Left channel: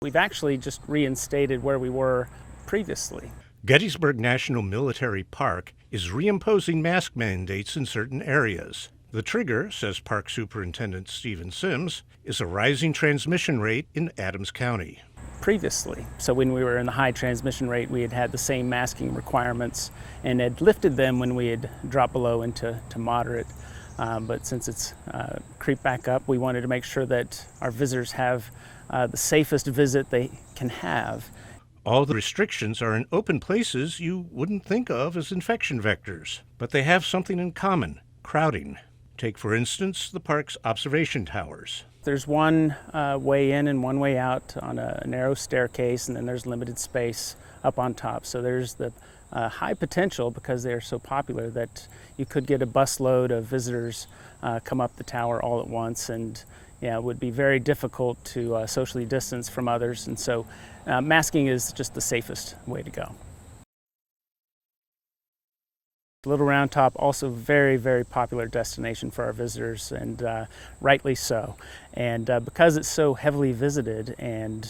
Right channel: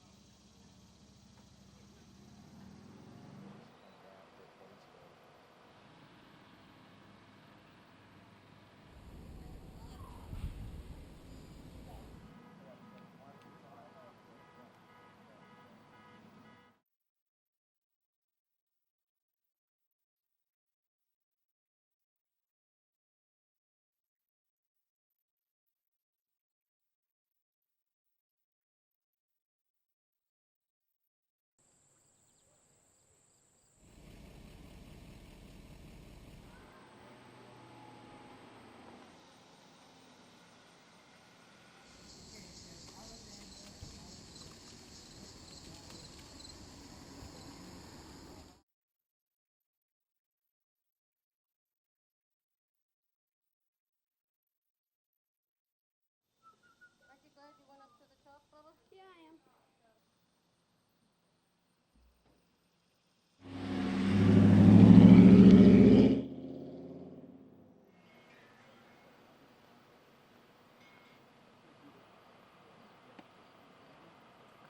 We've actually just reinstated where we were previously. Gettysburg National Military Park is reimposing mask mandates in certain areas. The trigger, says Park Superintendent Stephen Sims, is a rising transmission rate in Adams County. Previously. So when we were in the high transmission rate, we had the same masking requirements and had lifted them when we had dropped below into moderate. But since it's creeped back up, we wanted to make sure that our visitors have the safest visit they can have. All the restrictions are in open places you wouldn't think of as infection vectors, but they have something in common: crowding. Take, for instance, the park's observation towers. There's one way in and one way out on a narrow staircase, and then there's limited space up on top. So there's the high potential, because they're so popular, that you could get a busload of visitors come up the tower all at once, and it would be very difficult to socially distance from others. And so masking is just the safest way to go. Little Round Top, also very, very popular destination for our visitors, and rightly so. And because it's so heavily visited, and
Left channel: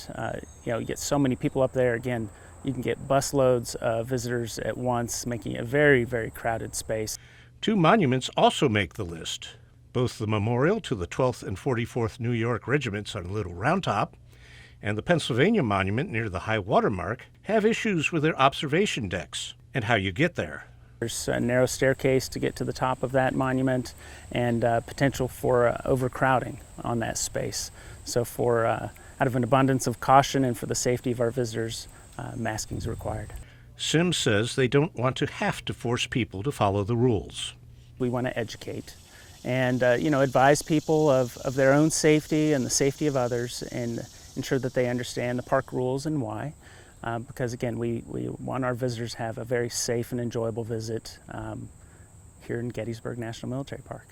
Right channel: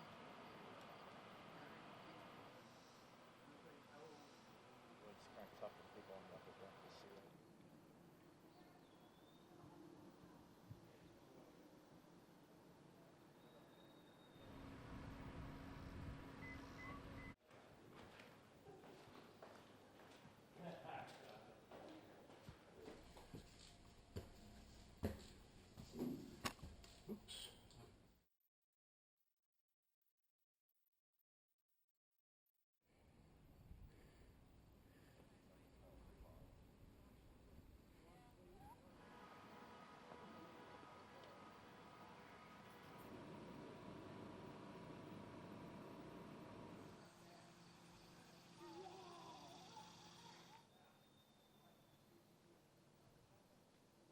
you get so many people up there, again, you can get busloads of visitors at once, making it a very, very crowded space. Two monuments also make the list. Both the memorial to the 12th and 44th New York Regiments on Little Round Top and the Pennsylvania Monument near the high water mark have issues with their observation decks and how you get there. There's a narrow staircase to get to the top of that monument, and potential for overcrowding on that space. So out of an abundance of caution and for the safety of our visitors, masking is required. Sims says they don't want to have to force people to follow the rules. We want to educate and advise people of their own safety and the safety of others, and ensure that they understand the park rules and why. Because again, we want our visitors to have a very safe and enjoyable visit here in Gettysburg National Military Park.